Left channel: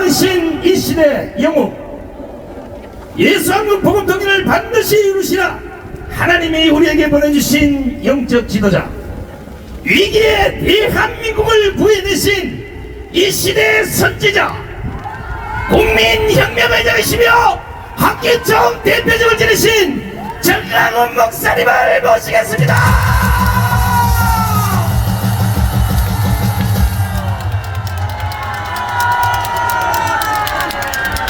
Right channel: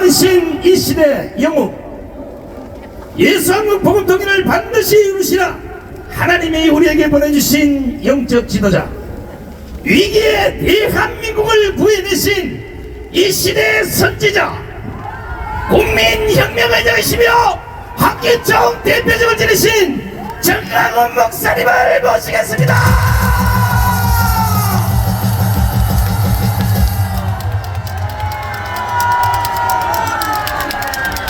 신 이 시대 영웅 예수왕국 복음 통일을 반드시 이루시라. 하나님이 우리에게 보내주신 영적 지도자, 위기의 대한민국을 구해내신 이 시대의 선지자, 국민혁명의 여시며 학계청 대표직을 지니신 정량훈 목사님을 모시겠습니다.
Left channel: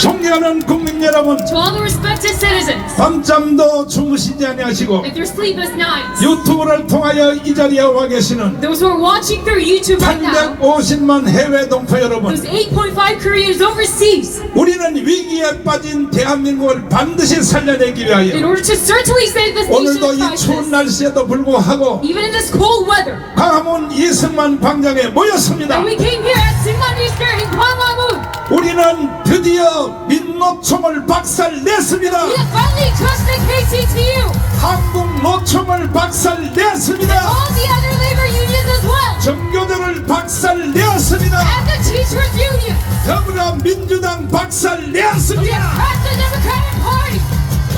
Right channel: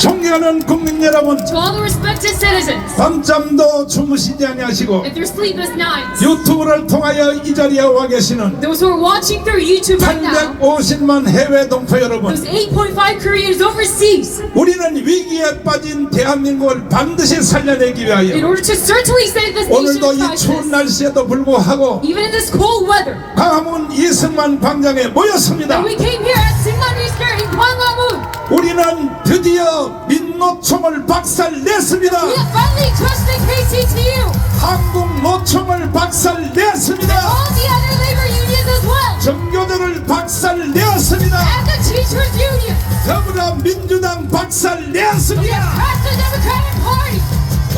존경하는 국민 여러분, To all the respected citizens, 밤잠도 주무시지 아니하시고 if you're sleepless nights, 유튜브를 통하여 이 자리에 와 계시는 those who are watching through YouTube right now, 850만 해외 동포 여러분, those 8.5 Koreans overseas, 우리는 위기에 빠진 대한민국을 반드시 살려내기 in 위하여 order to certainly save this nation 오늘도 from 이 추운 crisis, 날씨에도 불구하고 even in this cold weather, 광화문 이승만 광장에 모였습니다. and we came here at Singman Square in Gwanghwamun. 우리는 드디어 민노총을 박살냈습니다. We have finally trusted KCTU, 한국 노총을 박살냈습니다. all the other labor unions as well, 정교조를 박살냈습니다. and the Teachers Union. 더불어민주당 We 박살냈습니다. have passed the Democratic Party.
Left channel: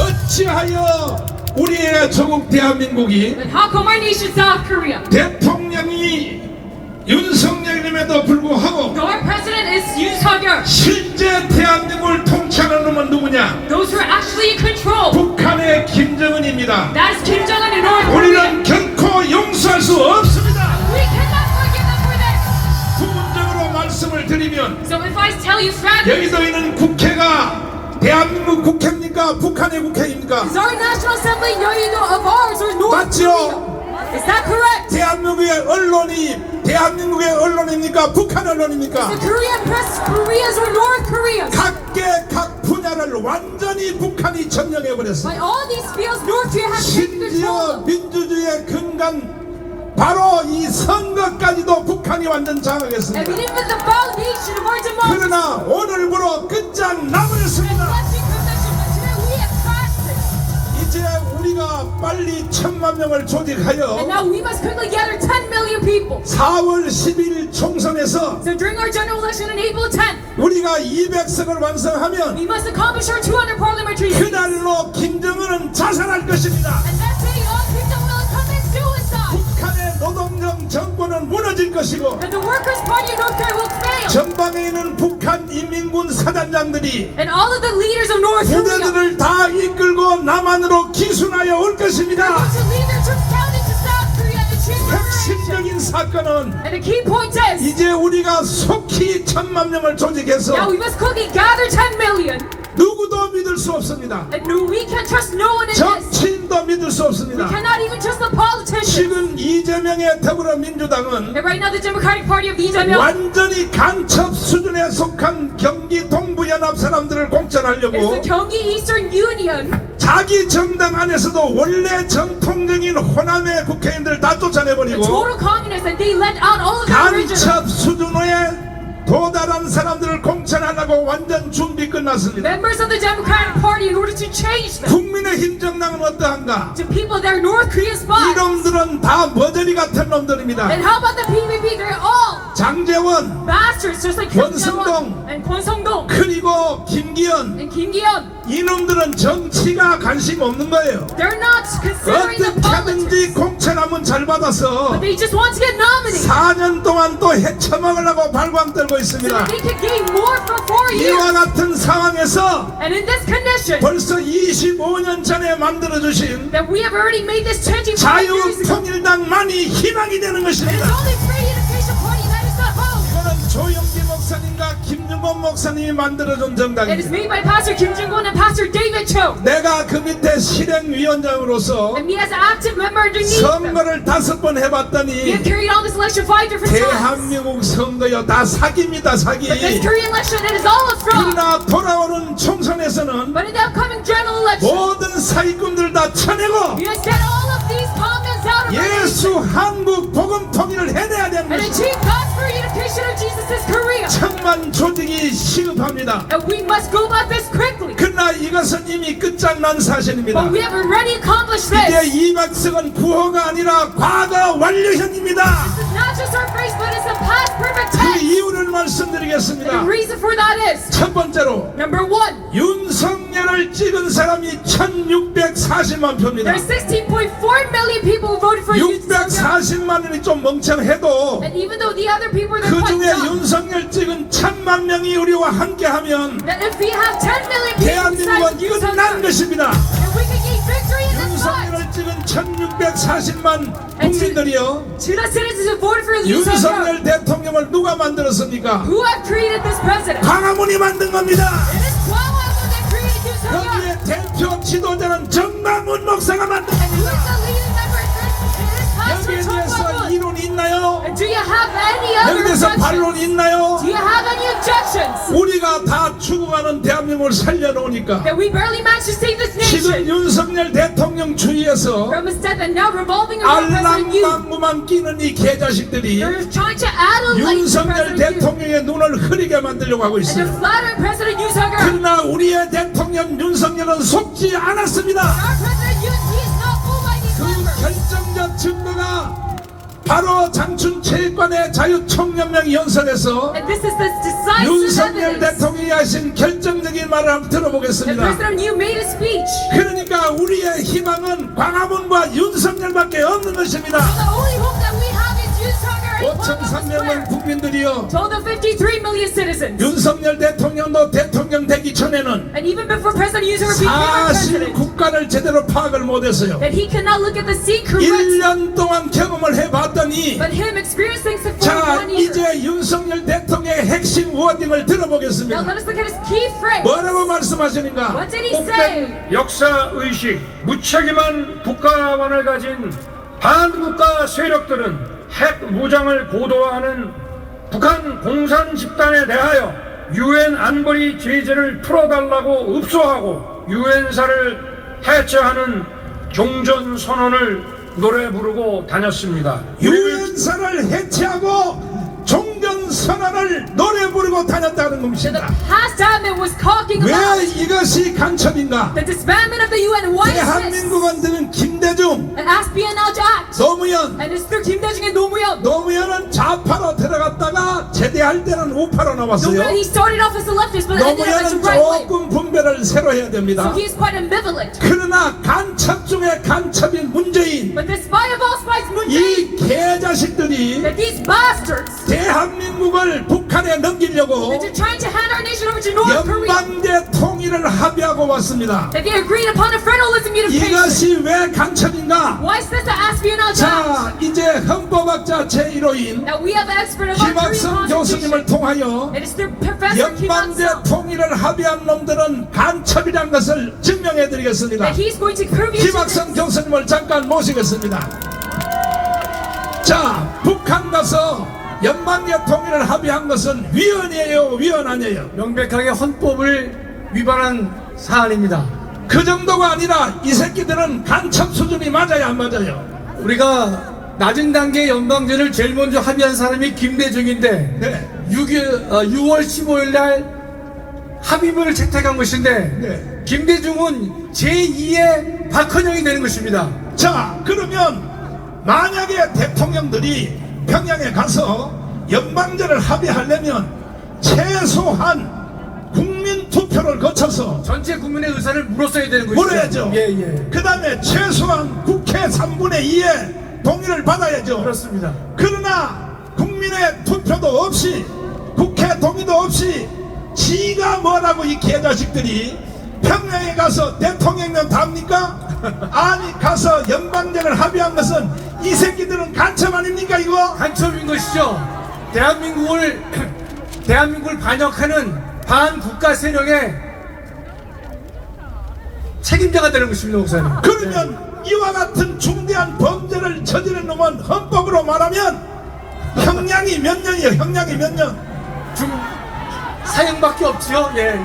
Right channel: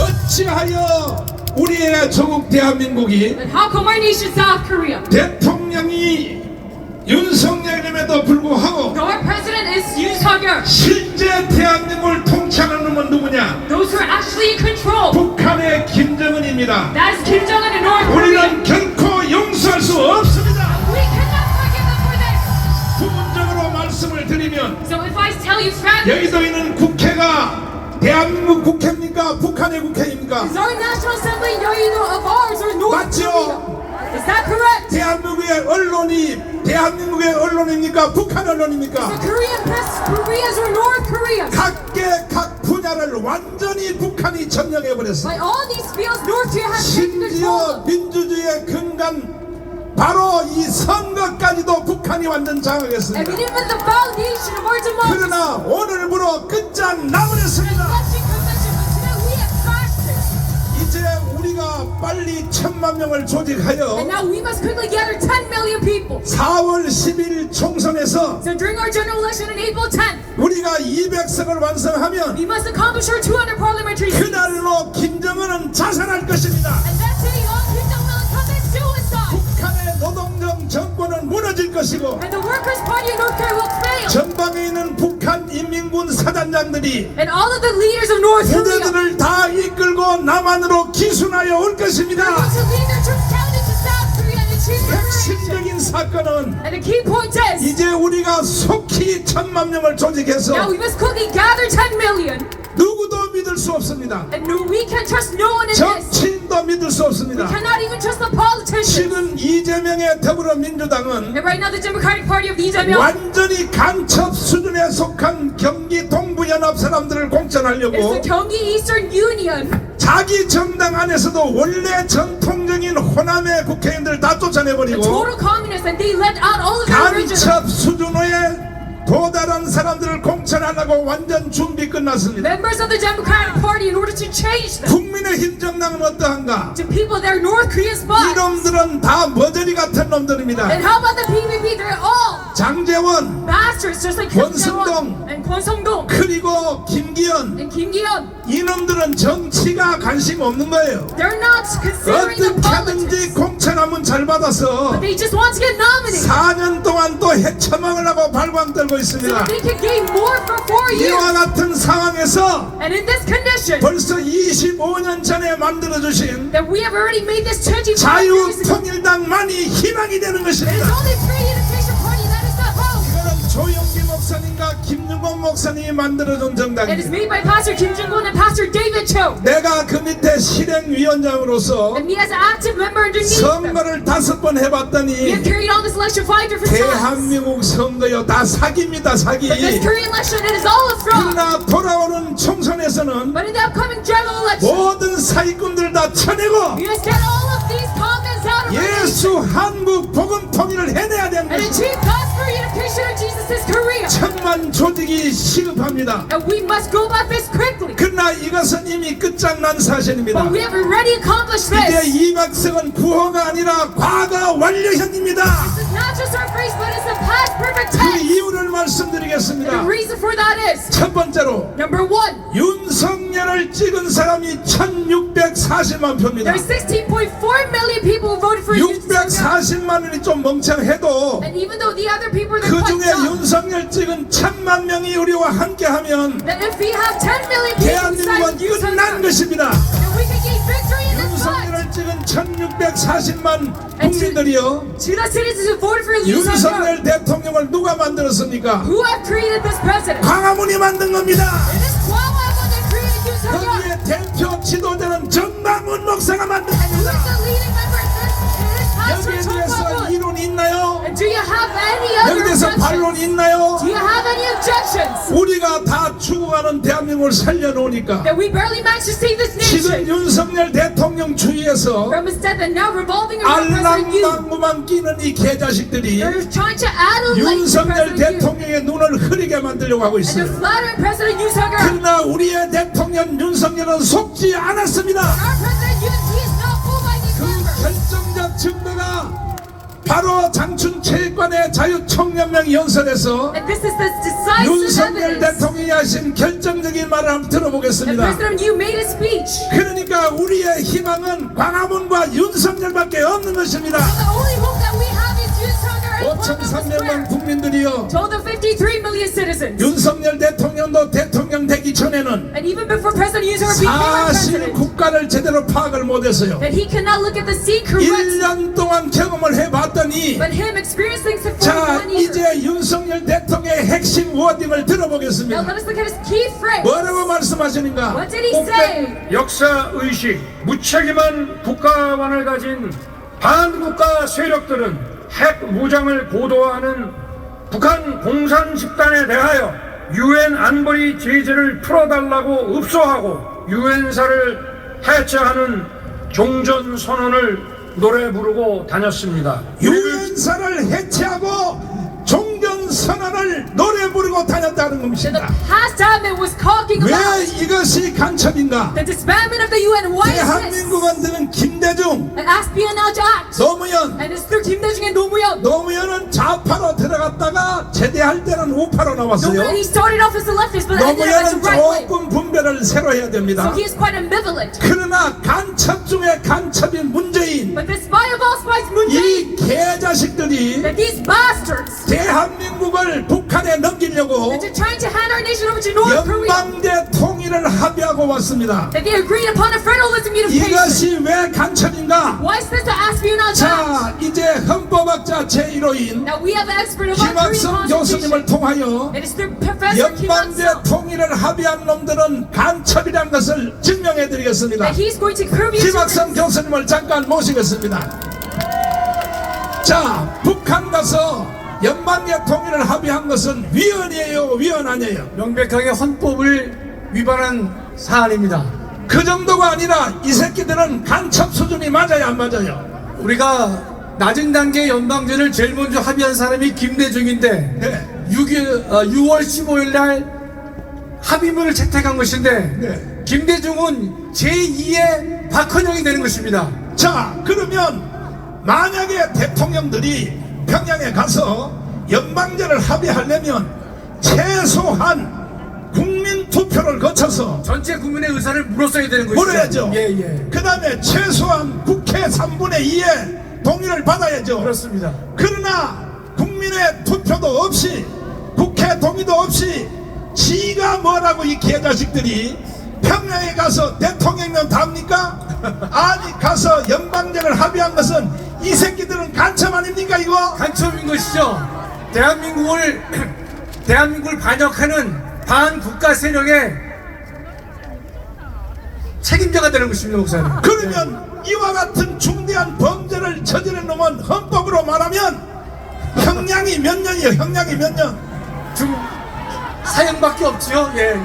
어찌하여 우리의 조국 대한민국이 And how come our nation, South Korea, 대통령이 윤석열님에도 불구하고 our president is Yoon Suk-yeol, 실제 대한민국을 통치하는 놈은 누구냐? those who are actually in control, 북한의 김정은입니다. that's Kim Jong-un in North Korea. 우리는 결코 용서할 수 없습니다. We cannot forgive them for this. 부분적으로 말씀을 드리면 So if I tell you frankly, 여기도 있는 국회가 대한민국 국회입니까? 북한의 국회입니까? is our National Assembly either of ours or North 맞죠? Korea? Is that correct? 대한민국의 언론입니까? 북한 언론입니까? The Korean press, Korea's or North Korea's? 각계 각 분야를 완전히 북한이 점령해 버렸어. By all these fields, North Korea has taken control 심지어 of. 민주주의의 근간 바로 이 선거까지도 북한이 완전 And 장악했습니다. even the foundation of our democracy. 그러나 오늘부로 끝장 나버렸습니다. Election commission, but today we have crashed it. 이제 우리가 빨리 1,000만 명을 And 조직하여 now we must quickly gather 10 million people. 4월 10일 총선에서 So during our general election on April 10th, 우리가 200석을 완성하면 we must accomplish our 200 parliamentary seats. 그날로 김정은은 자살할 것입니다. And that day, all Kim Jong-un will commit suicide. 북한의 노동정 정권은 무너질 것이고 And the Workers' Party of North Korea will fail. 전방에 있는 북한 인민군 사단장들이 And all of the leaders of North Korea 부대들을 다 이끌고 남한으로 기순하여 올 것입니다. to lead their troops down into South Korea and achieve their mission. 핵심적인 사건은 And the key point is, 이제 우리가 속히 1,000만 명을 now 조직해서 we must quickly gather 10 million. 누구도 믿을 수 없습니다. And no, we can trust no one in this. 정치인도 믿을 수 없습니다. Cannot even trust the politicians. 지금 이재명의 더불어민주당은 And right now, the Democratic Party of Lee Jae-myung 완전히 간첩 수준에 속한 경기 동부연합 사람들을 is 공천하려고 the Gyeonggi Eastern Union. 자기 정당 안에서도 원래 전통적인 호남의 국회의원들 다 쫓아내버리고 Total communists, and they let out all of the original. 간첩 수준에 도달한 사람들을 공천하려고 완전 준비 끝났습니다. Members of the Democratic Party in order to change them. 국민의힘 정당은 어떠한가? To people that are North Korean spies. 이놈들은 다 머저리 같은 놈들입니다. And how about the PVP? They're all 장제원, bastards, just like Kim 권성동. Jong-un and Kwon Song-dong 그리고 김기현, and Kim Gi-yeon. 이놈들은 정치가 관심 없는 거예요. They're not considering the 어떻게 하든지 politics. 공천하면 잘 받아서 They just want to get nominated. 4년 동안 또 해쳐먹으려고 발광 떨고 So 있습니다. that they can gain more for 4 이와 years. 같은 상황에서 And in this condition, 벌써 25년 전에 만들어주신 that we have already made this changing years ago. 자유통일당만이 희망이 되는 It's 것입니다. only Free Education Party that is the hope. 이거는 조영기 목사님과 김윤건 목사님이 만들어준 It is 정당입니다. made by Pastor Kim Jong-un and Pastor David Cho. 내가 그 밑에 실행위원장으로서 And me as an active member underneath them. 선거를 5번 We have 해봤더니 carried on this election 5 different times. 대한민국 선거요 다 사기입니다. 사기. But this Korean election, it is all a fraud. 그러나 돌아오는 총선에서는 But in the upcoming general election, 모든 사기꾼들 다 쳐내고 you must get all of these comments out of our 예수 한국 복음 통일을 해내야 되는 and 것입니다. achieve gospel unification of Jesus' Korea. 천만 조직이 시급합니다. And we must go about this quickly. 그러나 이것은 이미 끝장난 사실입니다. But we have already accomplished 이제 this. 이박석은 부호가 아니라 과거 완료현입니다. This is not just our phrase, but it's the past perfect 그 tense. 이유를 말씀드리겠습니다. The reason for that is, 첫 번째로 number one, 윤석열을 찍은 사람이 1640만 표입니다. there's 16.4 million people who voted for Yoon Suk-yeol. 640만원이 좀 멍청해도 And even though the other people were 그 quite 중에 dumb, 윤석열 찍은 1000만 명이 우리와 함께하면 that if we have 10 million people 대한민국은 inside Yoon 이건 난 Suk-yeol, 것입니다. then we can gain victory in this fight. 윤석열을 찍은 1640만 국민들이요, To the citizens who voted for Yoon Suk-yeol, 윤석열 대통령을 누가 만들었습니까? who have created this president. 광화문이 만든 겁니다. It is Kwangwon that created Yoon Suk-yeol. 거기에 대표 지도자는 정강훈 목사가 만든 Who's 겁니다. the leading member? It is 여기에 Pastor 대해서 Kwangwon. 이론이 있나요? And do you have any other 여기에 대해서 objections? 반론이 있나요? Do you have any objections? 우리가 다 죽어가는 대한민국을 살려놓으니까 That we barely managed to save this 지금 nation 윤석열 대통령 주위에서 from his death and now revolving around President Yoon. 알랑방구만 끼는 이 개자식들이 They're trying to add a light to 윤석열 President Yoon 대통령의 눈을 흐리게 만들려고 하고 and to 있어요. flattering President Yoon Suk-yeol. 그러나 우리의 대통령 윤석열은 속지 않았습니다. Our President Yoon, he is not fooled by these 그 numbers. 결정적 증거가 바로 장춘체육관의 자유청년명 연설에서 And this is the decisive 윤석열 evidence 대통령이 하신 결정적인 말을 한번 that 들어보겠습니다. President Yoon made a speech. 그러니까 우리의 희망은 광화문과 윤석열밖에 없는 것입니다. The only hope that we have is Yoon Suk-yeol and Kwangwon 5,300만 Square. 국민들이요, To all the 53 million citizens. 윤석열 대통령도 대통령 되기 전에는 And even before President Yoon Suk-yeol became our 사실 president, 국가를 제대로 파악을 못했어요. that he cannot look at the sea correctly. 1년 동안 경험을 해봤더니 But him experiencing things for 자 1 year. 이제 윤석열 대통령의 핵심 워딩을 Now 들어보겠습니다. let us look at his key phrase. 뭐라고 말씀하시는가? What did he say? 역사의식, 무책임한 국가관을 가진 반국가 세력들은 핵 무장을 고도화하는 북한 공산 집단에 대하여 유엔 안보리 제재를 풀어달라고 읍소하고 유엔사를 해체하는 종전선언을 노래 부르고 다녔습니다. 유엔사를 해체하고 종전선언을 노래 부르고 다녔다는 The 것입니다. pastime it was talking 왜 about 이것이 간첩인가? the disbandment of the UN. Why is this? 대한민국은 드는 김대중, An espionage act. 노무현, And it's through Kim Dae-jung and 노무현. 노무현은 좌파로 들어갔다가 제대할 때는 우파로 나왔어요. 노무현, he started off as a leftist, but ended up as a 노무현은 right wing. 조금 분별을 새로 해야 됩니다. So he is quite ambivalent. 그러나 간첩 중에 간첩인 문재인, But the spy of all spies, Moon Jae, 이 개자식들이 that these bastards, 대한민국을 북한에 넘기려고 that they're trying to hand our nation over to North Korea, 연방대 통일을 합의하고 왔습니다. that they agreed upon a federalism unification. 이것이 왜 간첩인가? Why is this the espionage act? 자, 이제 헌법학자 제1호인 Now we have an expert of our Korean 김학성 교수님을 constitution. 통하여 It is through Professor Kim 연방대 Il-sung 통일을 합의한 놈들은 간첩이라는 것을 증명해 드리겠습니다. that he's going to prove you to 김학성 교수님을 잠깐 모시겠습니다. 자, 북한 가서 연방대 통일을 합의한 것은 위헌이에요, 위헌 아니에요? 명백하게 헌법을 위반한 사안입니다. 그 정도가 아니라 이 새끼들은 간첩 수준이 맞아요, 안 맞아요? 우리가 낮은 단계 연방제를 제일 먼저 합의한 사람이 김대중인데 네. 6월 15일 날 합의문을 채택한 것인데 네. 김대중은 제2의 박헌영이 되는 것입니다. 자, 그러면 만약에 대통령들이 평양에 가서 연방제를 합의하려면 최소한 국민 투표를 거쳐서 전체 국민의 의사를 물었어야 되는 것이죠. 물어야죠. 예. 그 다음에 최소한 국회 3분의 2의 동의를 받아야죠. 그렇습니다. 그러나 국민의 투표도 없이 국회 동의도 없이 지가 뭐라고 이 개자식들이 평양에 가서 대통령면 답니까? 아니 가서 연방제를 합의한 것은 이 새끼들은 간첩 아닙니까 이거? 간첩인 것이죠. 대한민국을 반역하는 반국가 세력의 책임자가 되는 것입니다, 목사님. 그러면 이와 같은 중대한 범죄를 저지른 놈은 헌법으로 말하면 형량이 몇 년이에요? 형량이 몇 년? 사형밖에 없지요. 예.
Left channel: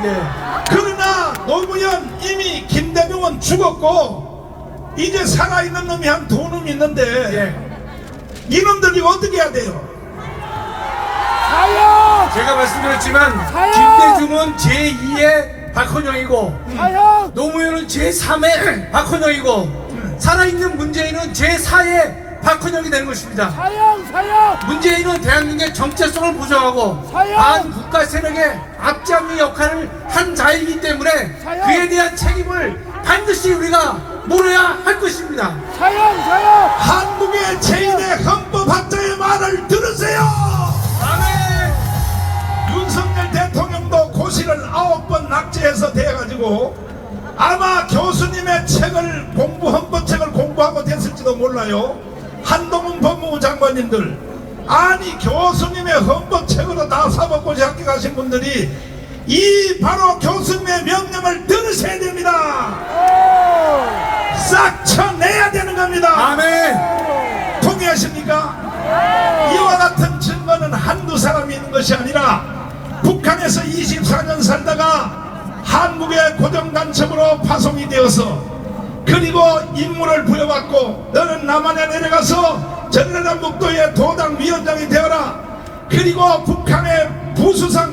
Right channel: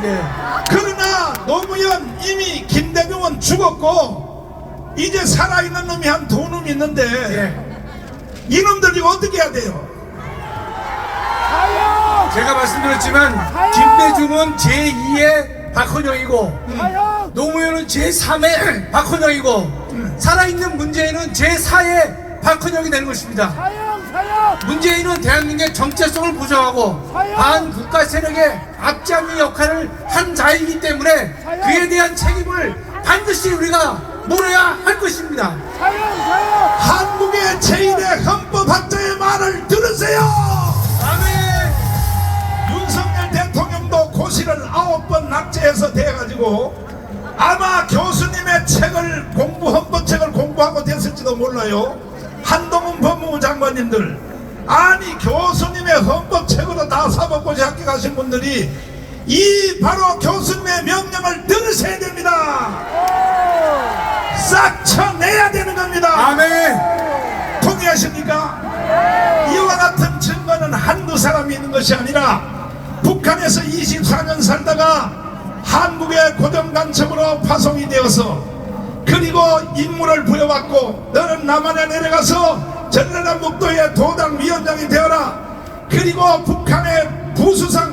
그러나 노무현 이미 김대중은 죽었고 이제 살아있는 놈이 한 두 놈 있는데 이놈들이 어떻게 해야 돼요? 제가 말씀드렸지만 김대중은 제2의 박헌영이고 노무현은 제3의 박헌영이고 살아있는 문재인은 제4의 박헌영이 되는 것입니다. 문재인은 대한민국의 정체성을 보장하고 반국가 세력의 앞잡이 역할을 한 자이기 때문에 그에 대한 책임을 반드시 우리가 물어야 할 것입니다. 한국의 제1의 헌법학자의 말을 들으세요. 윤석열 대통령도 고시를 9번 낙제해서 돼가지고 아마 교수님의 책을 헌법책을 공부하고 됐을지도 몰라요. 한동훈 법무부 장관님들, 아니 교수님의 헌법책으로 다 사법고시 합격하신 분들이 이 바로 교수님의 명령을 들으셔야 됩니다. 싹 쳐내야 되는 겁니다. 아멘. 동의하십니까? 이와 같은 증거는 한두 사람이 있는 것이 아니라 북한에서 24년 살다가 한국의 고정간첩으로 파송이 되어서 그리고 임무를 부여받고 너는 남한에 내려가서 전라남북도의 도당위원장이 되어라. 그리고 북한의 부수상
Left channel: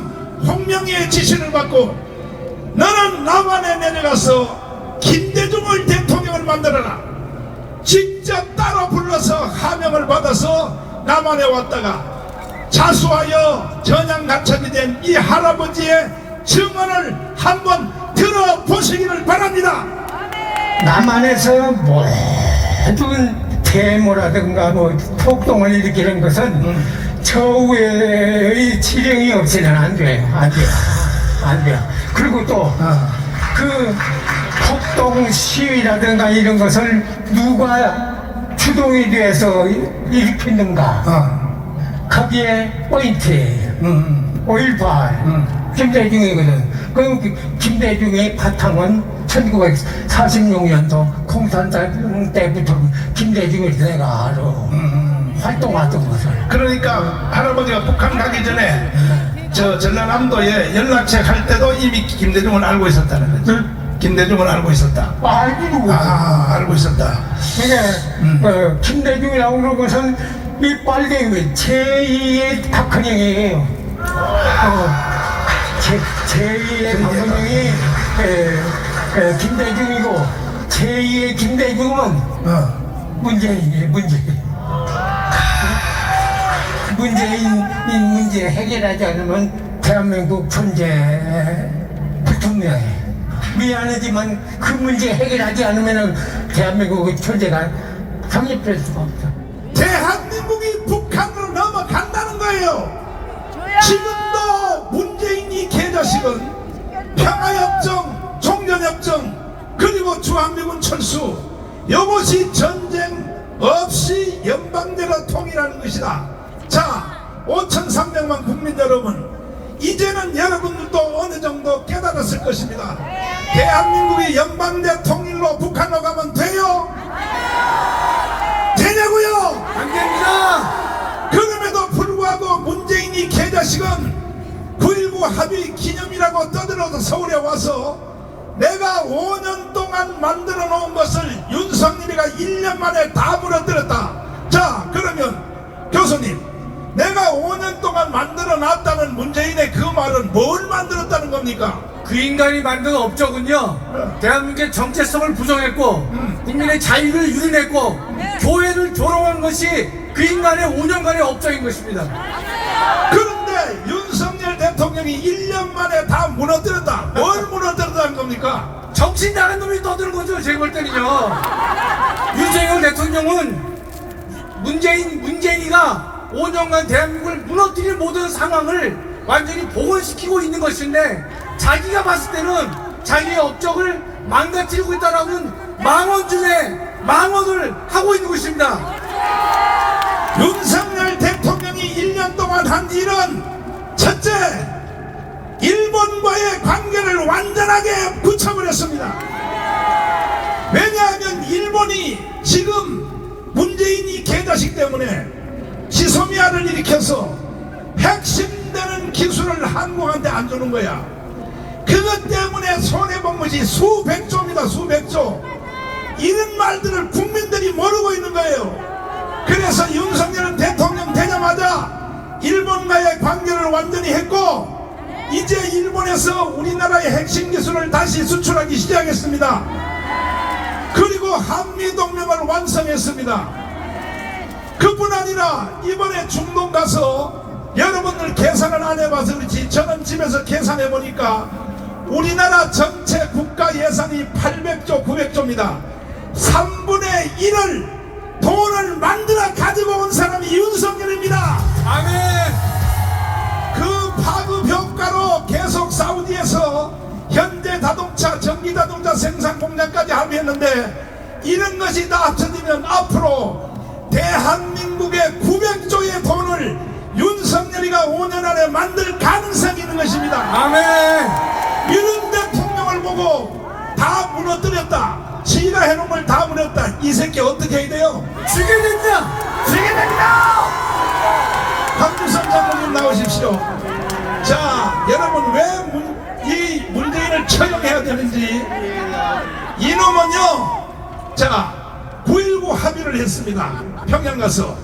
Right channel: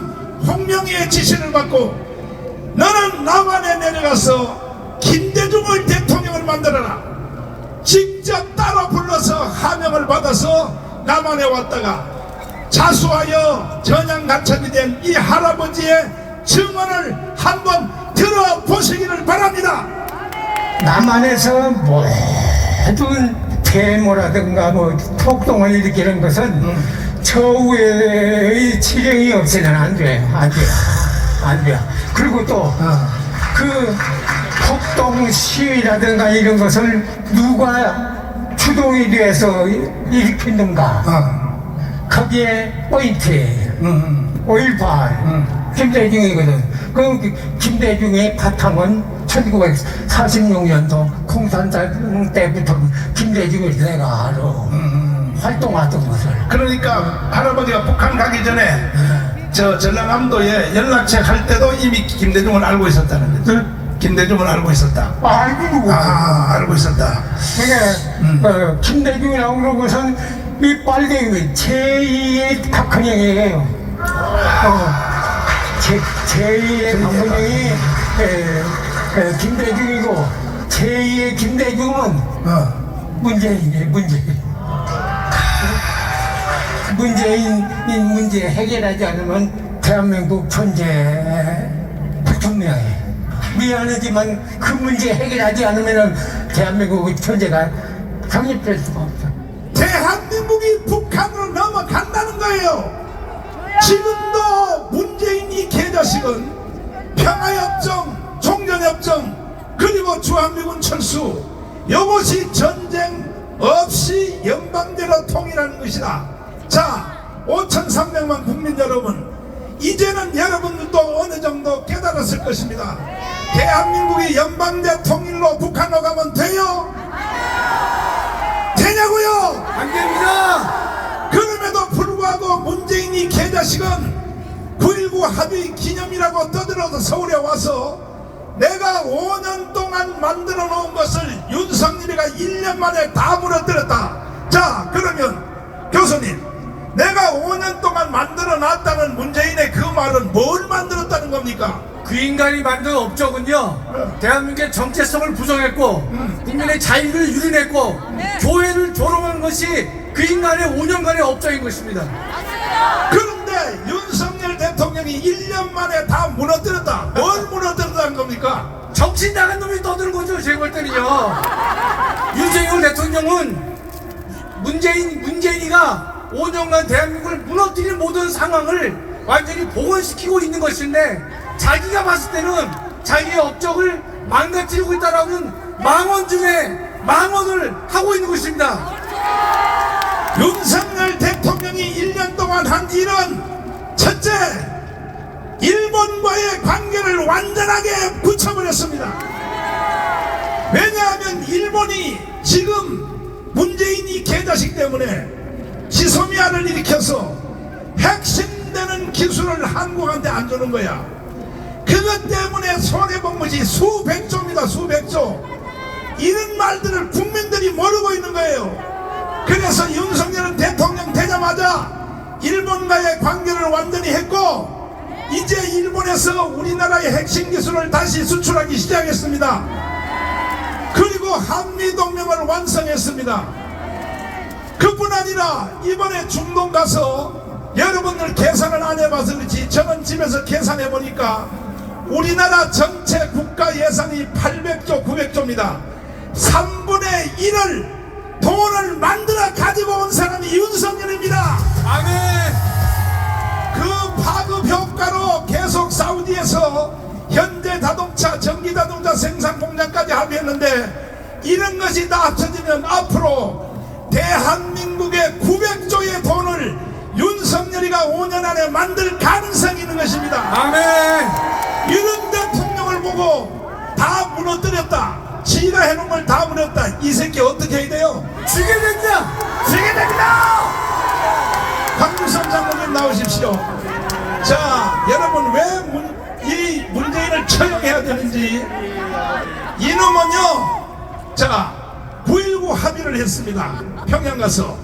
홍명희의 지시를 받고 너는 남한에 내려가서 김대중을 대통령을 만들어라. 직접 따로 불러서 하명을 받아서 남한에 왔다가 자수하여 전향간첩이 된 이 할아버지의 증언을 한번 들어보시기를 바랍니다. 남한에서 모든 데모라든가 폭동을 일으키는 것은 처우의 지령이 없이는 안 돼요. 그리고 또 그 폭동 시위라든가 이런 것을 누가 주동이 돼서 일으켰는가, 거기에 포인트 5.18 김대중이거든. 그 김대중의 바탕은 1946년도 공산당 때부터 김대중을 내가 활동하던 것을. 그러니까 할아버지가 북한 가기 전에 저 전라남도에 연락책 할 때도 이미 김대중을 알고 있었다는 거죠. 김대중을 알고 있었다. 알고 있었다. 그러니까 김대중이라고 그런 것은 이 빨갱이 제2의 박헌영이에요. 제2의 박헌영이 김대중이고 제2의 김대중은 문재인이에요. 문재인 문제 해결하지 않으면 대한민국 존재 불투명해. 미안하지만 그 문제 해결하지 않으면 대한민국의 존재가 성립될 수가 없어. 대한민국이 북한으로 넘어간다는 거예요. 지금도 문재인이 개자식은 평화협정, 종전협정, 그리고 주한미군 철수, 이것이 전쟁 없이 연방대로 통일하는 것이다. 자, 5,300만 국민 여러분, 이제는 여러분들도 어느 정도 깨달았을 것입니다. 대한민국이 연방대 통일로 북한으로 가면 돼요? 되냐고요? 안 됩니다. 그럼에도 불구하고 문재인이 개자식은 9.19 합의 기념이라고 떠들어서 서울에 와서 내가 5년 동안 만들어 놓은 것을 윤석열이가 1년 만에 다 무너뜨렸다. 자, 그러면 교수님, 내가 5년 동안 만들어 놨다는 문재인의 그 말은 뭘 만들었다는 겁니까? 그 인간이 만든 업적은요, 대한민국의 정체성을 부정했고 국민의 자유를 유린했고 교회를 조롱한 것이 그 인간의 5년간의 업적인 것입니다. 그런데 윤석열 대통령이 1년 만에 다 무너뜨렸다. 뭘 무너뜨렸다는 겁니까? 정신 나간 놈이 떠드는 거죠. 제가 볼 때는요, 윤석열 대통령은 문재인이가 5년간 대한민국을 무너뜨릴 모든 상황을 완전히 복원시키고 있는 것인데, 자기가 봤을 때는 자기의 업적을 망가뜨리고 있다라는 망언 중에 망언을 하고 있는 것입니다. 윤석열 대통령이 1년 동안 한 일은 첫째, 일본과의 관계를 완전하게 굳혀버렸습니다. 왜냐하면 일본이 지금 문재인이 개자식 때문에 지소미아를 일으켜서 핵심되는 기술을 한국한테 안 주는 거야. 그것 때문에 손해본 것이 수백조입니다. 수백조. 이런 말들을 국민들이 모르고 있는 거예요. 그래서 윤석열은 대통령 되자마자 일본과의 관계를 완전히 했고, 이제 일본에서 우리나라의 핵심 기술을 다시 수출하기 시작했습니다. 그리고 한미동맹을 완성했습니다. 그뿐 아니라 이번에 중동 가서 여러분들 계산을 안 해봐서 그렇지 저는 집에서 계산해 보니까 우리나라 전체 국가 예산이 800조 900조입니다 3분의 1을 돈을 만들어 가지고 온 사람이 윤석열입니다. 아멘. 그 파급 효과로 계속 사우디에서 현대자동차, 전기자동차 생산 공장까지 합의했는데 이런 것이 다 합쳐지면 앞으로 대한민국의 900조의 돈을 윤석열이가 5년 안에 만들 가능성이 있는 것입니다. 아멘. 이런 대통령을 보고 다 무너뜨렸다. 지가 해놓은 걸 다 무너뜨렸다. 이 새끼 어떻게 해야 돼요? 죽게 된다. 죽게 됩니다. 황교안 장관님 나오십시오. 자, 여러분 왜 이 문재인을 처형해야 되는지 이놈은요. 자, 9.19 합의를 했습니다. 평양 가서.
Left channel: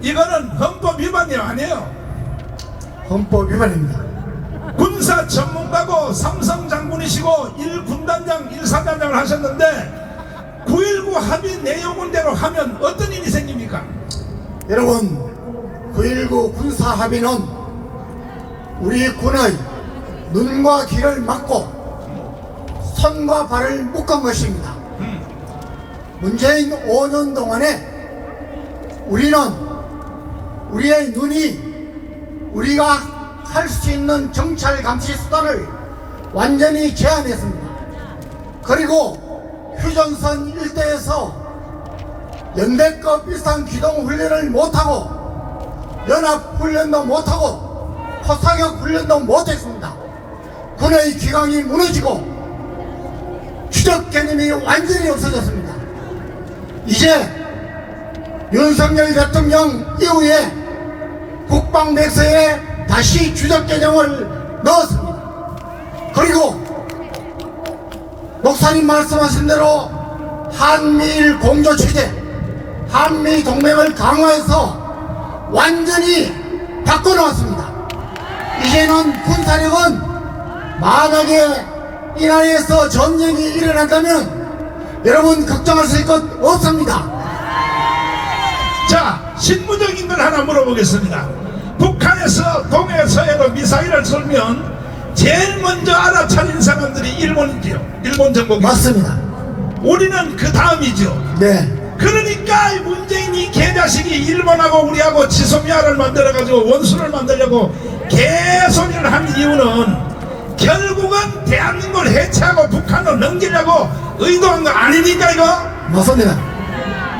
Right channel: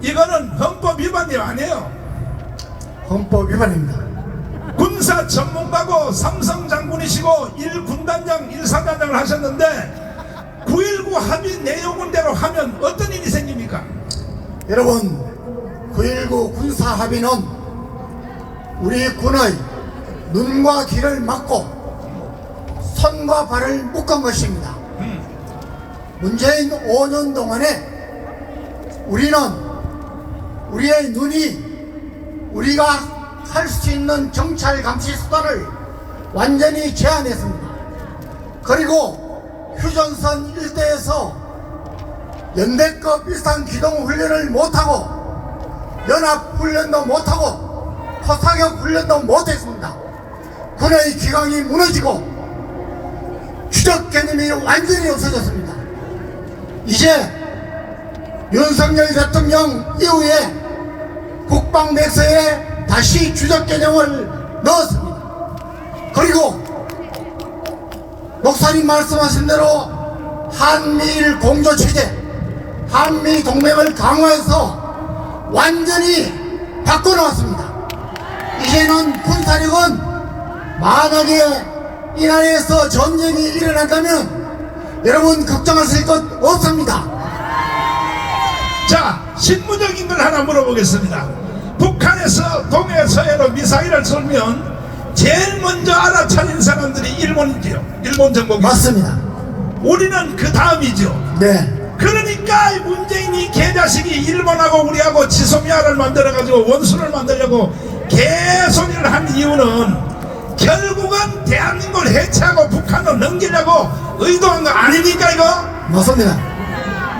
이거는 헌법 위반이 아니에요. 헌법 위반입니다. 군사 전문가고 삼성 장군이시고 1군단장 1사단장을 하셨는데 9.19 합의 내용대로 하면 어떤 일이 생깁니까? 여러분, 9.19 군사 합의는 우리 군의 눈과 귀를 막고 손과 발을 묶은 것입니다. 문재인 5년 동안에 우리는 우리의 눈이 우리가 할 수 있는 정찰 감시 수단을 완전히 제한했습니다. 그리고 휴전선 일대에서 연대급 이상 기동 훈련을 못하고 연합 훈련도 못하고 포사격 훈련도 못했습니다. 군의 기강이 무너지고 추적 개념이 완전히 없어졌습니다. 이제 윤석열 대통령 이후에 국방 백서에 다시 추적 개념을 넣었습니다. 그리고 목사님 말씀하신 대로 한미일 공조 체제, 한미 동맹을 강화해서 완전히 바꿔놓았습니다. 이제는 군사력은 만약에 이 나라에서 전쟁이 일어난다면 여러분 걱정하실 것 없습니다. 자, 실무적인 걸 하나 물어보겠습니다. 북한에서 동해 서해로 미사일을 쏘면 제일 먼저 알아차린 사람들이 일본이지요. 일본 정복이. 맞습니다. 우리는 그 다음이죠. 네. 그러니까 문재인이 개자식이 일본하고 우리하고 지소미아를 만들어가지고 원수를 만들려고 계속 일을 하는 이유는 결국은 대한민국을 해체하고 북한을 넘기려고 의도한 거 아니니까 이거? 맞습니다.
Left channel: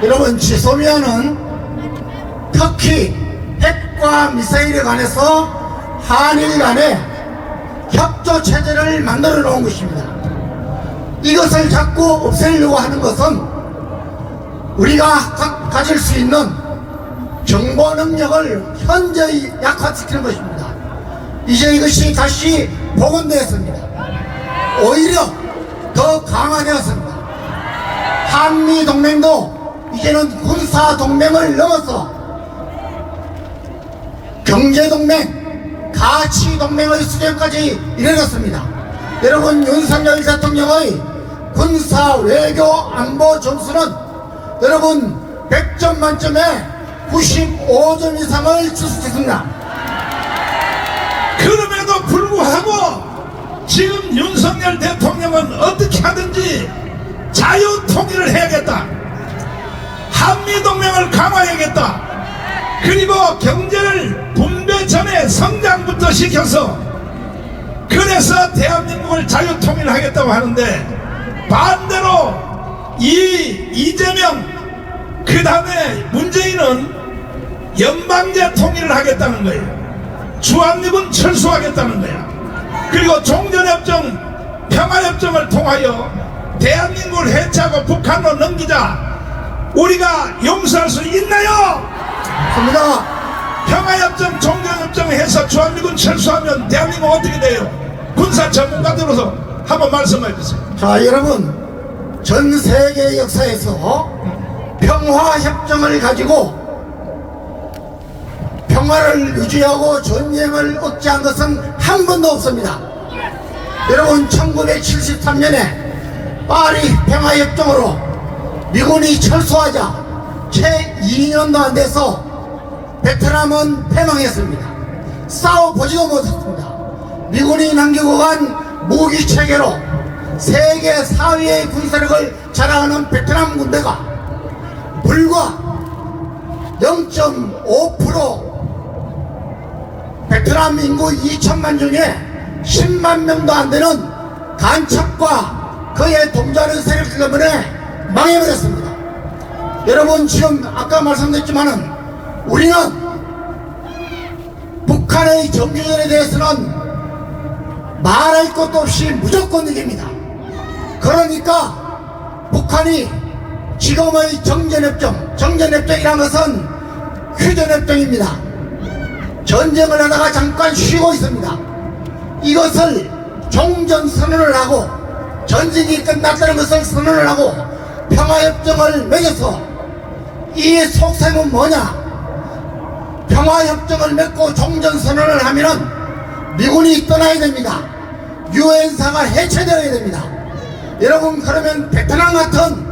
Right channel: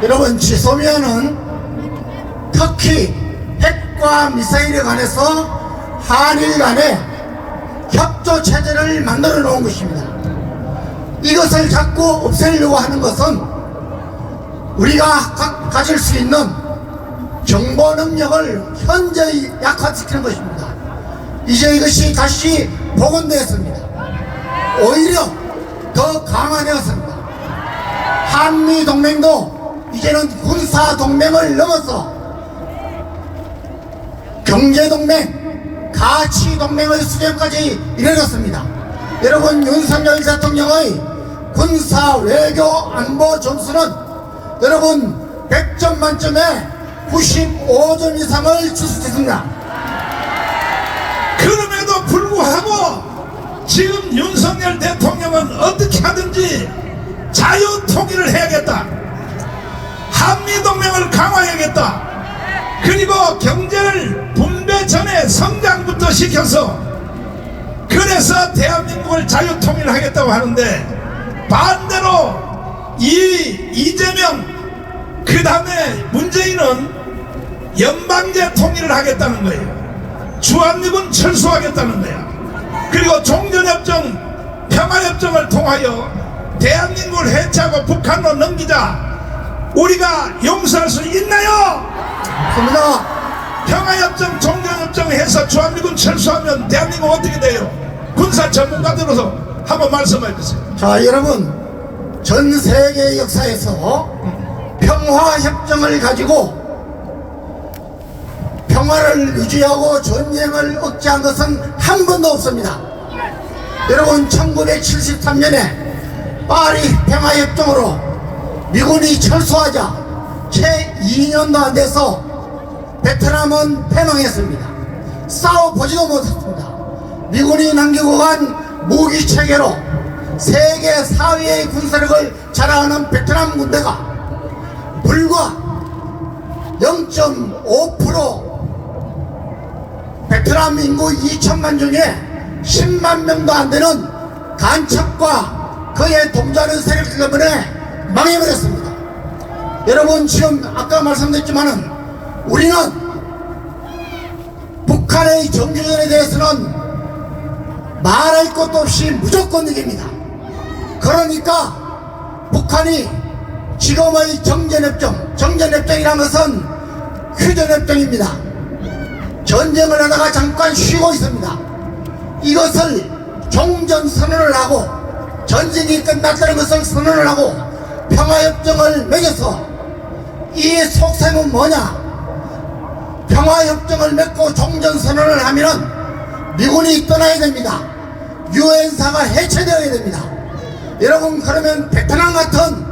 여러분, 지소미아는 터키 핵과 미사일에 관해서 한일 간에 협조 체제를 만들어 놓은 것입니다. 이것을 자꾸 없애려고 하는 것은 우리가 가질 수 있는 정보 능력을 현저히 약화시키는 것입니다. 이제 이것이 다시 복원되었습니다. 오히려 더 강화되었습니다. 한미 동맹도 이제는 군사 동맹을 넘어서 경제 동맹, 가치 동맹의 수준까지 이르렀습니다. 여러분, 윤석열 대통령의 군사 외교 안보 점수는 여러분 100점 만점에 95점 이상을 출시했습니다. 그럼에도 불구하고 지금 윤석열 대통령은 어떻게 하든지 자유통일을 해야겠다. 한미동맹을 강화해야겠다. 그리고 경제를 분배 전에 성장부터 시켜서 그래서 대한민국을 자유통일하겠다고 하는데 반대로 이재명 그 다음에 문재인은 연방제 통일을 하겠다는 거예요. 주한미군 철수하겠다는 거예요. 그리고 종전협정 평화협정을 통하여 대한민국을 해체하고 북한으로 넘기자. 우리가 용서할 수 있나요? 맞습니다. 평화협정 종전협정 해서 주한미군 철수하면 대한민국 어떻게 돼요? 군사 전문가들로서 한번 말씀해 주세요. 자, 여러분, 전 세계 역사에서 평화협정을 가지고 평화를 유지하고 전쟁을 억제한 것은 한 번도 없습니다. 여러분, 1973년에 파리 평화협정으로 미군이 철수하자 채 2년도 안 돼서 베트남은 패망했습니다. 싸워보지도 못했습니다. 미군이 남기고 간 무기 체계로 세계 4위의 군사력을 자랑하는 베트남 군대가 불과 0.5% 베트남 인구 2천만 중에 10만 명도 안 되는 간첩과 그의 동조하는 세력 때문에 망해버렸습니다. 여러분, 지금 아까 말씀드렸지만은 우리는 북한의 정주전에 대해서는 말할 것도 없이 무조건 이깁니다. 그러니까 북한이 지금의 정전협정이라는 것은 휴전협정입니다. 전쟁을 하다가 잠깐 쉬고 있습니다. 이것을 종전선언을 하고 전쟁이 끝났다는 것을 선언을 하고 평화협정을 맺어서 이 속셈은 뭐냐? 평화협정을 맺고 종전선언을 하면은 미군이 떠나야 됩니다. 유엔사가 해체되어야 됩니다. 여러분, 그러면 베트남 같은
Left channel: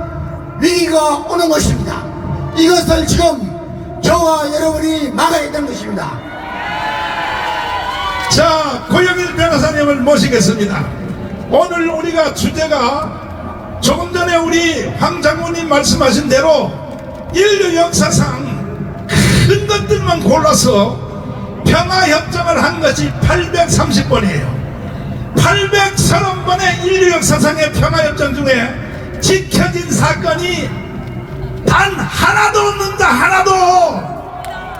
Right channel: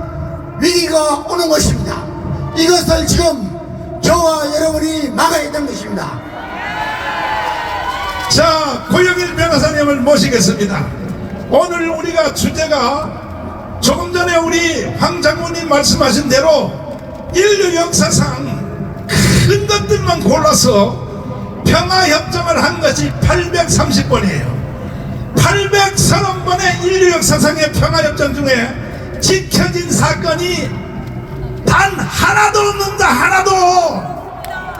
위기가 오는 것입니다. 이것을 지금 저와 여러분이 막아야 되는 것입니다. 자, 고영일 변호사님을 모시겠습니다. 오늘 우리가 주제가 조금 전에 우리 황 장군님 말씀하신 대로 인류 역사상 큰 것들만 골라서 평화협정을 한 것이 830번이에요. 830번의 인류 역사상의 평화협정 중에 지켜진 사건이 단 하나도 없는다. 하나도.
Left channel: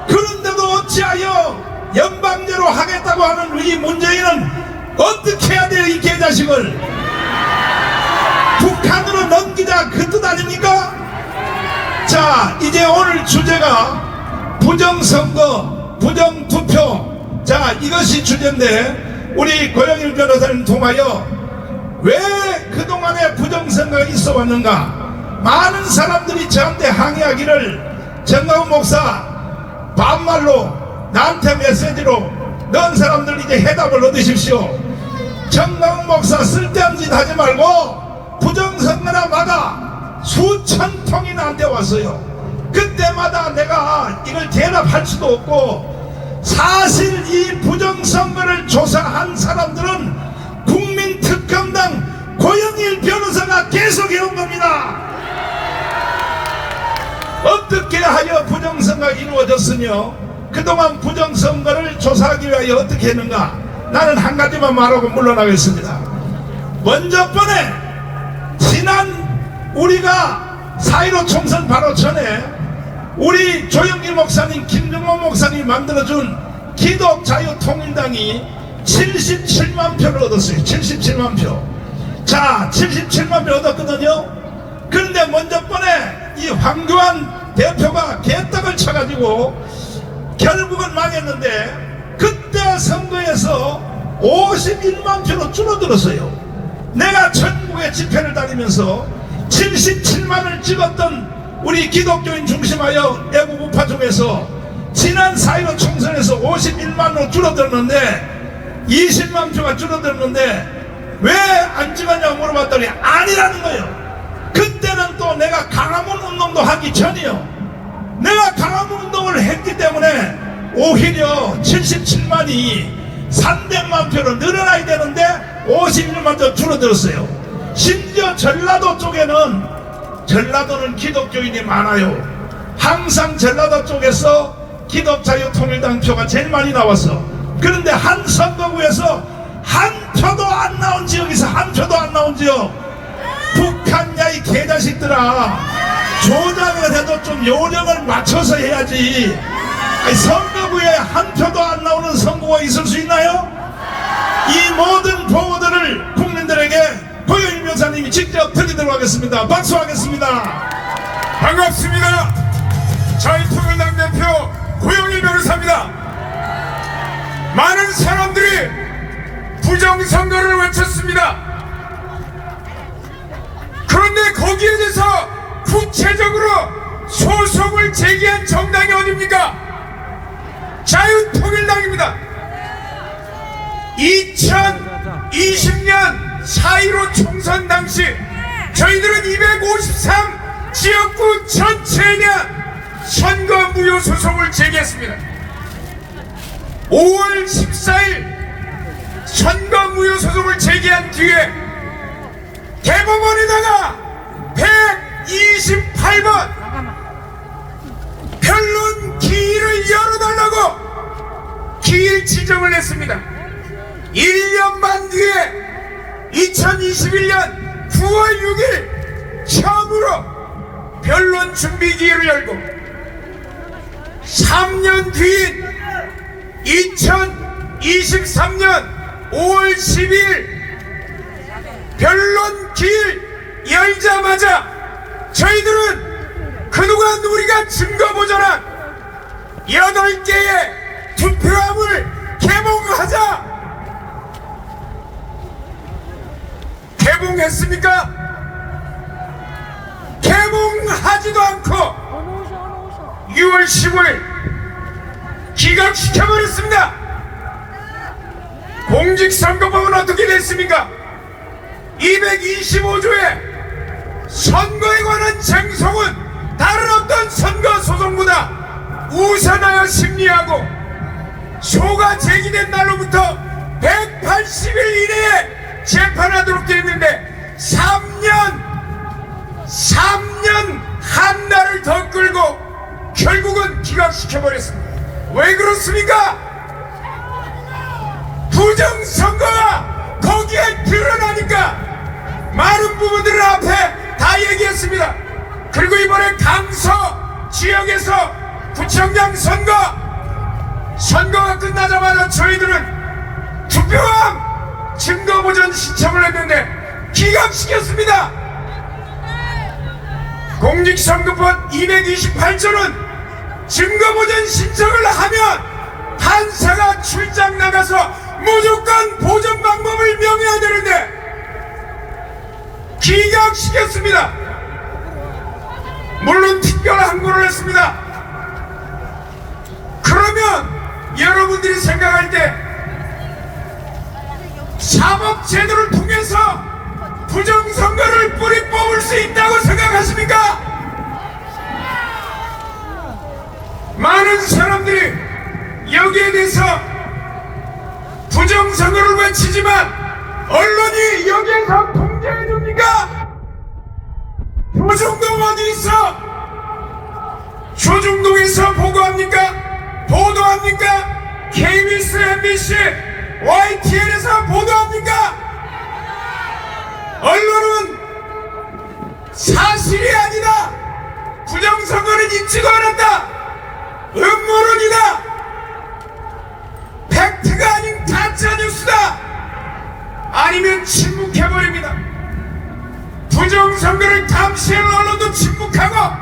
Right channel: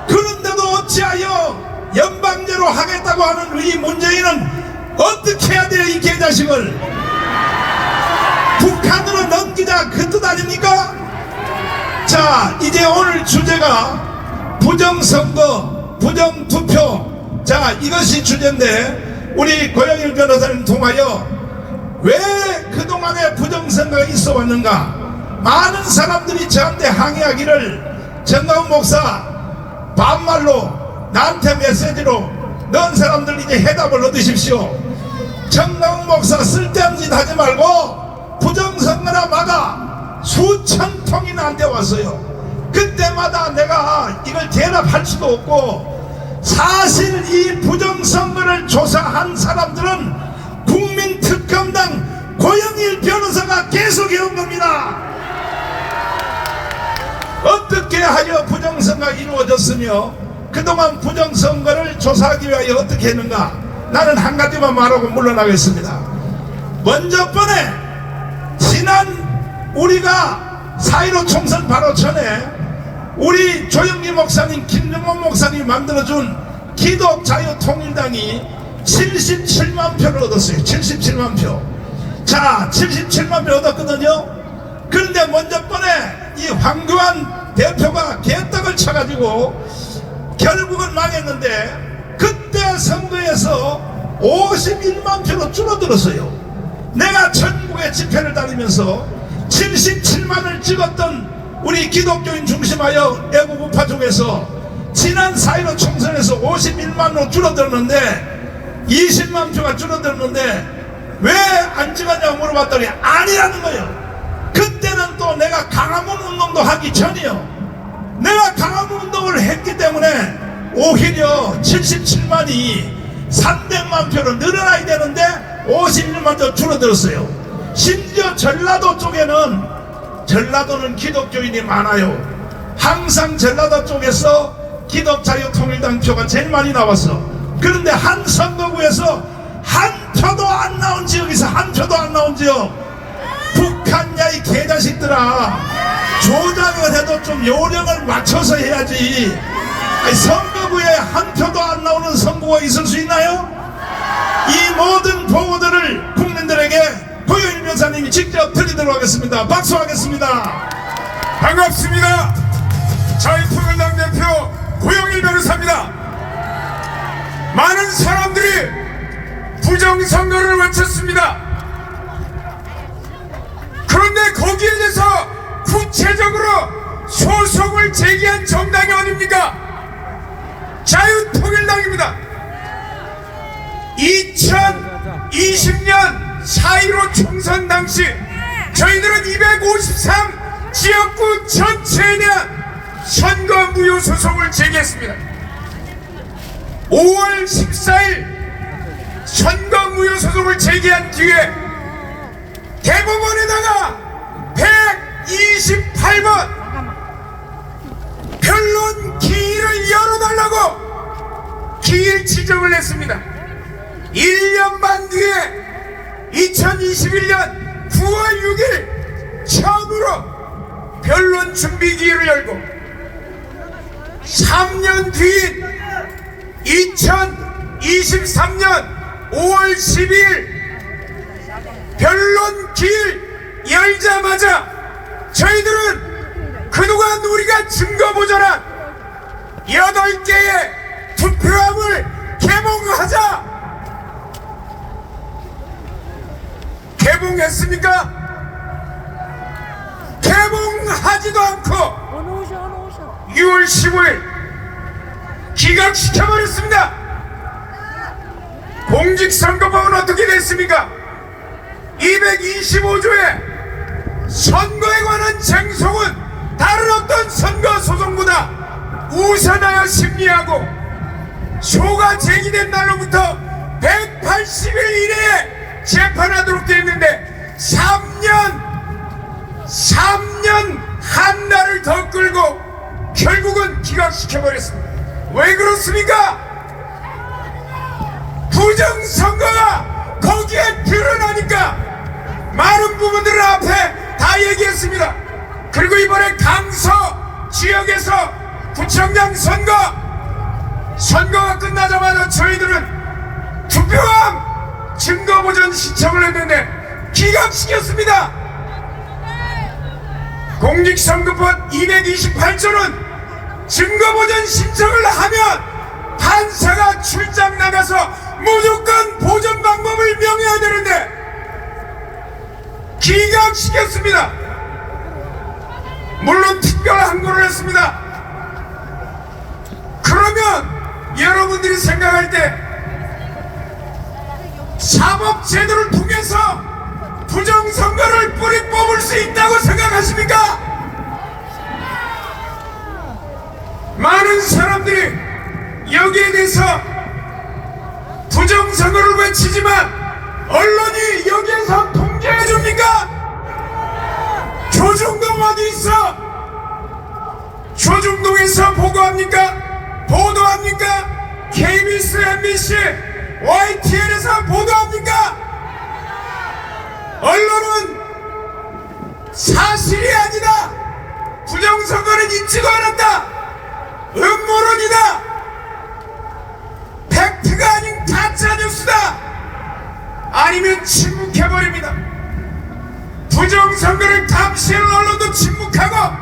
그런데도 어찌하여 연방제로 하겠다고 하는 우리 문재인은 어떻게 해야 돼요? 이 개자식을 북한으로 넘기자, 그 뜻 아닙니까? 자, 이제 오늘 주제가 부정선거, 부정투표. 자, 이것이 주제인데 우리 고영일 변호사님 통하여 왜 그동안에 부정선거가 있어 왔는가? 많은 사람들이 저한테 항의하기를, 정강훈 목사 반말로 나한테 메시지로 넣은 사람들 이제 해답을 얻으십시오. 정강훈 목사 쓸데없는 짓 하지 말고 부정선거나 마다 수천 통이 나한테 왔어요. 그때마다 내가 이걸 대답할 수도 없고, 사실 이 부정선거를 조사한 사람들은 국민특검당 고영일 변호사가 계속 해온 겁니다. 어떻게 하여 부정선거가 이루어졌으며 그동안 부정선거를 조사하기 위하여 어떻게 했는가? 나는 한 가지만 말하고 물러나겠습니다. 먼저 번에 지난 우리가 4.15 총선 바로 전에 우리 조영기 목사님, 김정원 목사님이 만들어준 기독자유통일당이 77만 표를 얻었어요. 77만 표. 자, 77만 표 얻었거든요. 그런데 먼저 번에 이 황교안 대표가 개떡을 쳐가지고 결국은 망했는데, 그때 선거에서 51만 표로 줄어들었어요. 내가 전국의 집회를 다니면서 77만을 찍었던 우리 기독교인 중심하여 내국 우파 중에서 지난 4.15 총선에서 51만으로 줄어들었는데, 20만 표가 줄어들었는데 왜 안 찍었냐고 물어봤더니 아니라는 거예요. 그때는 또 내가 강화문 운동도 하기 전이요. 내가 강화문 운동을 했기 때문에 오히려 77만이 300만 표로 늘어나야 되는데 51만 더 줄어들었어요. 심지어 전라도 쪽에는, 전라도는 기독교인이 많아요. 항상 전라도 쪽에서 기독자유통일당 표가 제일 많이 나왔어. 그런데 한 선거구에서 한 표도 안 나온 지역이 있어. 한 표도 안 나온 지역. 북한 야이 개자식들아, 조작을 해도 좀 요령을 맞춰서 해야지. 선거구에 한 표도 안 나오는 선거가 있을 수 있나요? 이 모든 보고들을 국민들에게 고영일 변호사님이 직접 드리도록 하겠습니다. 박수하겠습니다. 반갑습니다. 자유통일당 대표 고영일 변호사입니다. 많은 사람들이 부정선거를 외쳤습니다. 그런데 거기에 대해서 구체적으로 소송을 제기한 정당이 어딥니까? 자유통일당입니다. 2020년 4.15 총선 당시 저희들은 253 지역구 전체에 대한 선거무효 소송을 제기했습니다. 5월 14일 선거무효 소송을 제기한 뒤에 대법원에다가 128번 변론 기일을 열어달라고 기일 지정을 했습니다. 1년 반 뒤에 2021년 9월 6일 처음으로 변론 준비 기일을 열고 3년 뒤인 2023년 5월 12일 변론 기일 열자마자 저희들은 그동안 우리가 증거보전한 8개의 투표함을 개봉하자 개봉했습니까? 개봉하지도 않고 6월 15일 기각시켜버렸습니다. 공직선거법은 어떻게 됐습니까? 225조에 선거에 관한 쟁송은 다른 어떤 선거 소송보다 우선하여 심리하고 소가 제기된 날로부터 180일 이내에 재판하도록 되어 있는데 3년 한 달을 더 끌고 결국은 기각시켜버렸습니다. 왜 그렇습니까? 부정선거가 거기에 드러나니까 많은 부분들을 앞에 다 얘기했습니다. 그리고 이번에 강서 지역에서 구청장 선거가 끝나자마자 저희들은 투표함 증거보전 신청을 했는데 기각시켰습니다. 공직선거법 228조는 증거보전 신청을 하면 판사가 출장 나가서 무조건 보전 방법을 명해야 되는데 기각시켰습니다. 물론 특별 항고를 했습니다. 그러면 여러분들이 생각할 때 사법제도를 통해서 부정선거를 뿌리 뽑을 수 있다고 생각하십니까? 많은 사람들이 여기에 대해서 부정선거를 외치지만 언론이 여기에서 통제해줍니까? 조중동 어디 있어? 조중동에서 보고합니까? 보도합니까? KBS, MBC, YTN에서 보도합니까? 언론은 사실이 아니다. 부정선거는 있지도 않았다. 음모론이다. 팩트가 아닌 가짜뉴스다. 아니면 침묵해버립니다. 부정선거를 감시할 언론도 침묵하고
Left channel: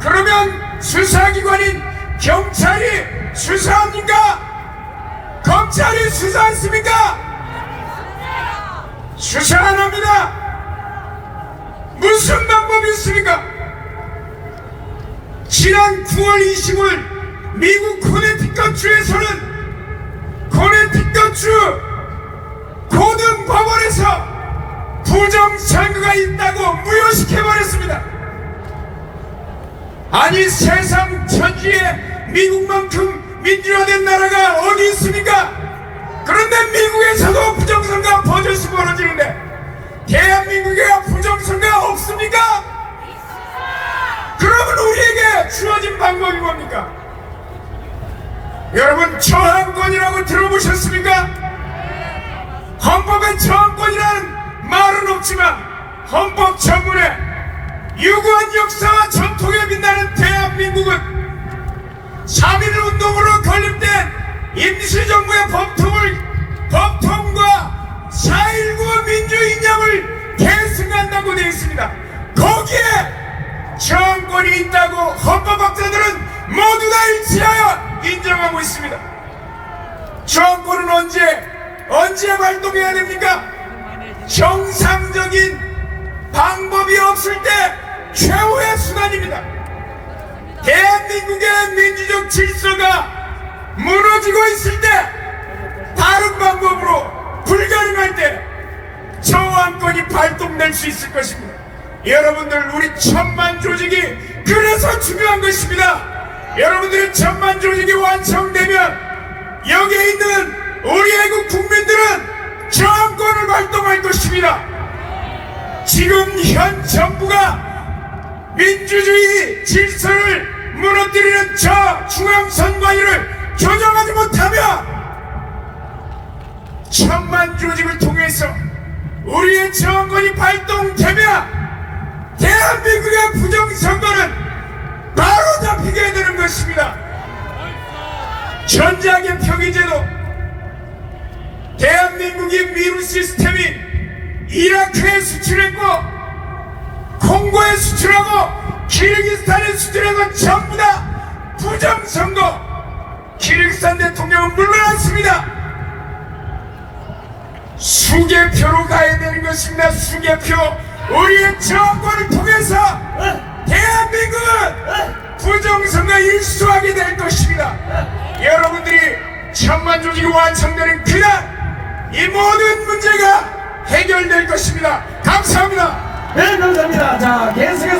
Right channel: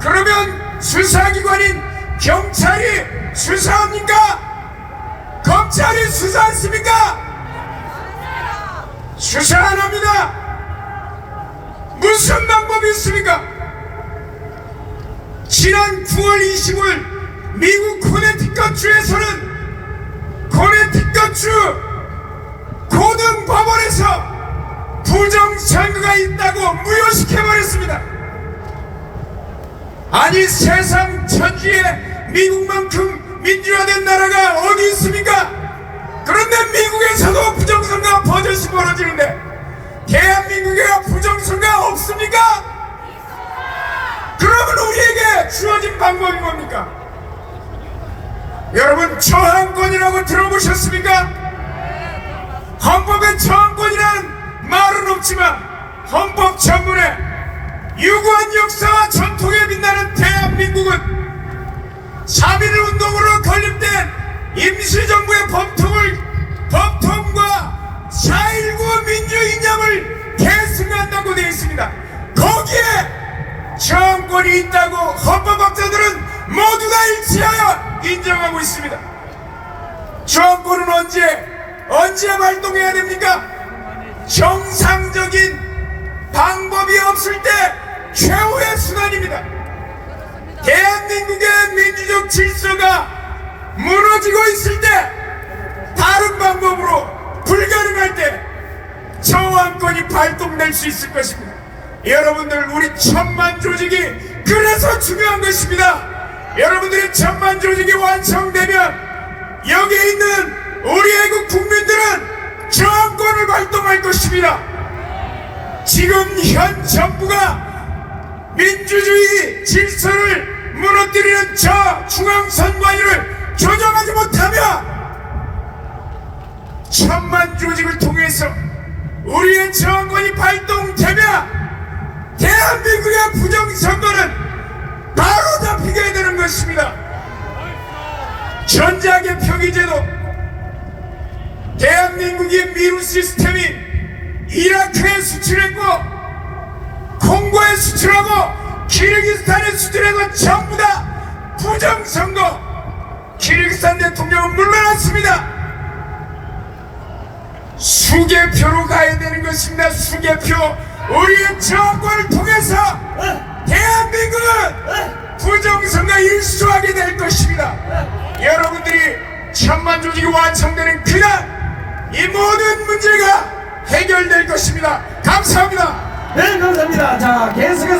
그러면 수사기관인 경찰이 수사합니까? 검찰이 수사했습니까? 수사 안 합니다. 무슨 방법이 있습니까? 지난 9월 25일 미국 코네티컷주에서는 코네티컷주 고등법원에서 부정선거가 있다고 무효시켜버렸습니다. 아니 세상 천지에 미국만큼 민주화된 나라가 어디 있습니까? 그런데 미국에서도 부정선거가 버젓이 벌어지는데 대한민국에 부정선거가 없습니까? 그러면 우리에게 주어진 방법이 뭡니까? 여러분 저항권이라고 들어보셨습니까? 헌법에 저항권이라는 말은 없지만 헌법 전문에 유구한 역사와 전통에 빛나는 대한민국은 3.1운동으로 건립된 임시정부의 법통과 4.19 민주이념을 계승한다고 되어 있습니다. 거기에 저항권이 있다고 헌법학자들은 모두 다 일치하여 인정하고 있습니다. 저항권은 언제 발동해야 됩니까? 정상적인 방법이 없을 때 최후의 수단입니다. 대한민국의 민주적 질서가 무너지고 있을 때 다른 방법으로 불가능할 때 저항권이 발동될 수 있을 것입니다. 여러분들 우리 천만 조직이 그래서 중요한 것입니다. 여러분들의 천만 조직이 완성되면 여기에 있는 우리 애국 국민들은 정권을 발동할 것입니다. 지금 현 정부가 민주주의 질서를 무너뜨리는 저 중앙선관위를 조정하지 못하며 천만 조직을 통해서 우리의 정권이 발동되면 대한민국의 부정선거는 바로 잡히게 되는 것입니다. 전작의 표기제도, 대한민국이 미루 시스템인 이라크에 수출했고 콩고에 수출하고 키르기스탄에 수출해서 전부 다 부정선거. 키르기스탄 대통령은 물러났습니다. 수개표로 가야 되는 것입니다. 수개표. 우리의 정권을 통해서 대한민국은 부정선거 일수하게 될 것입니다. 여러분들이 천만 조직이 완성되는 그날 이 모든 문제가 해결될 것입니다. 감사합니다. 네, 감사합니다. 자, 계속해서